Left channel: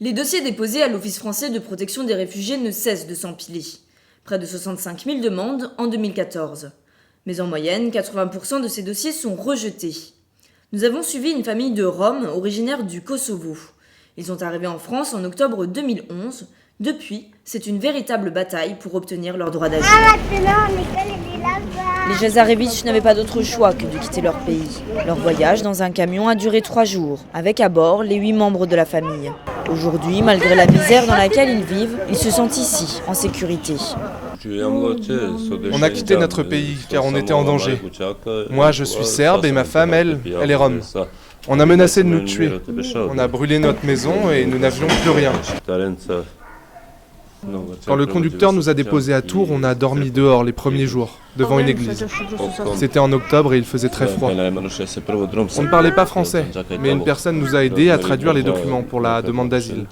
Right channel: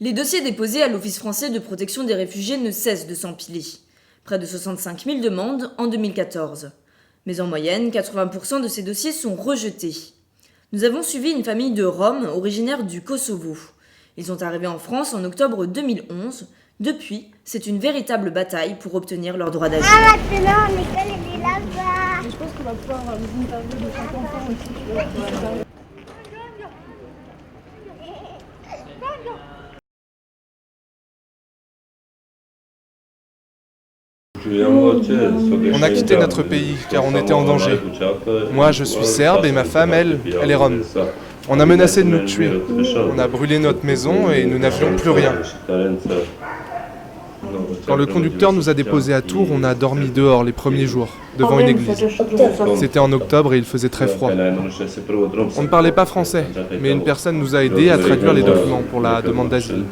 Les dossiers déposés à l'Office français de protection des réfugiés ne cessent de s'empiler. Près de 65 000 demandes en 2014. Mais en moyenne, 80% de ces dossiers sont rejetés. Nous avons suivi une famille de Roms originaires du Kosovo. Ils sont arrivés en France en octobre 2011. Depuis, c'est une véritable bataille pour obtenir leur droit d'asile. Les Jazarevic n'avaient pas d'autre choix que de quitter leur pays. Leur voyage dans un camion a duré 3 jours, avec à bord les 8 membres de la famille. Aujourd'hui, malgré la misère dans laquelle ils vivent, ils se sentent ici, en sécurité. On a quitté notre pays car on était en danger. Moi, je suis serbe et ma femme, elle est rome. On a menacé de nous tuer. On a brûlé notre maison et nous n'avions plus rien. Quand le conducteur nous a déposés à Tours, on a dormi dehors les premiers jours, devant une église. C'était en octobre et il faisait très froid. On ne parlait pas français, mais une personne nous a aidés à traduire les documents pour la demande d'asile.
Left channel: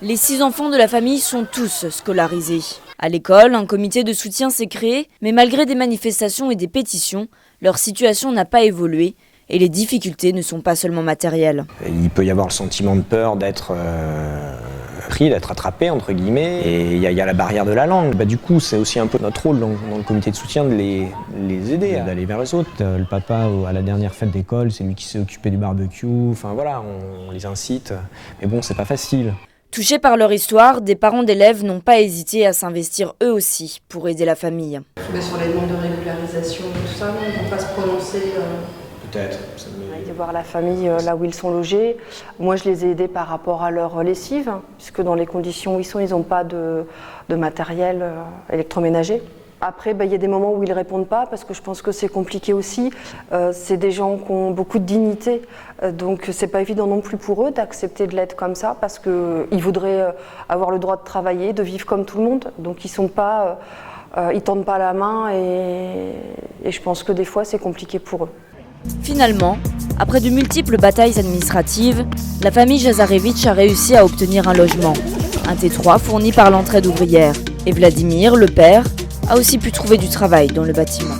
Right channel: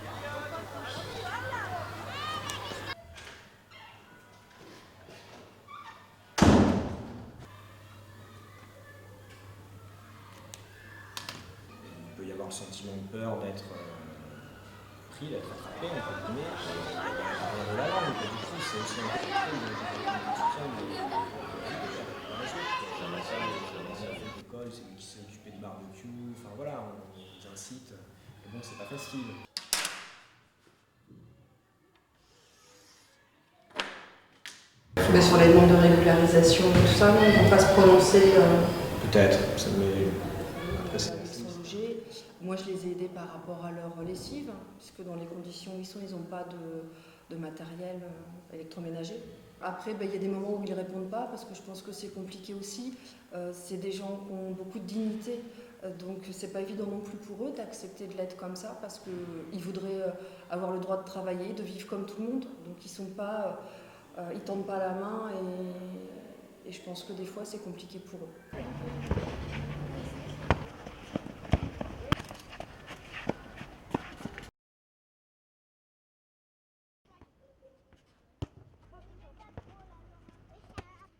Les 6 enfants de la famille sont tous scolarisés. À l'école, un comité de soutien s'est créé, mais malgré des manifestations et des pétitions, leur situation n'a pas évolué et les difficultés ne sont pas seulement matérielles. Il peut y avoir le sentiment de peur d'être pris, d'être attrapé, entre guillemets, et il y a la barrière de la langue. Du coup, c'est aussi un peu notre rôle dans le comité de soutien de les aider, d'aller vers les autres. Le papa, à la dernière fête d'école, c'est lui qui s'est occupé du barbecue, enfin voilà, on les incite, mais bon, c'est pas facile. Touchés par leur histoire, des parents d'élèves n'ont pas hésité à s'investir eux aussi pour aider la famille. Mais sur les demandes de régularisation et tout ça, ils ne vont pas se prononcer Peut-être. De voir la famille là où ils sont logés. Moi, je les ai aidés par rapport à leur lessive, puisque dans les conditions où ils sont, ils n'ont pas de matériel électroménager. Après, il y a des moments où ils ne répondent pas, parce que je pense que c'est compliqué aussi. C'est des gens qui ont beaucoup de dignité, donc c'est pas évident non plus pour eux d'accepter de l'être comme ça, parce qu'ils voudraient avoir le droit de travailler, de vivre comme tout le monde. Donc ils sont pas, ils tendent pas la main, et je pense que des fois c'est compliqué pour eux. Finalement, après de multiples batailles administratives, la famille Jazarevic a réussi à obtenir un logement, un T3 fourni par l'entraide ouvrière. Et Vladimir, le père, a aussi pu trouver du travail dans le bâtiment.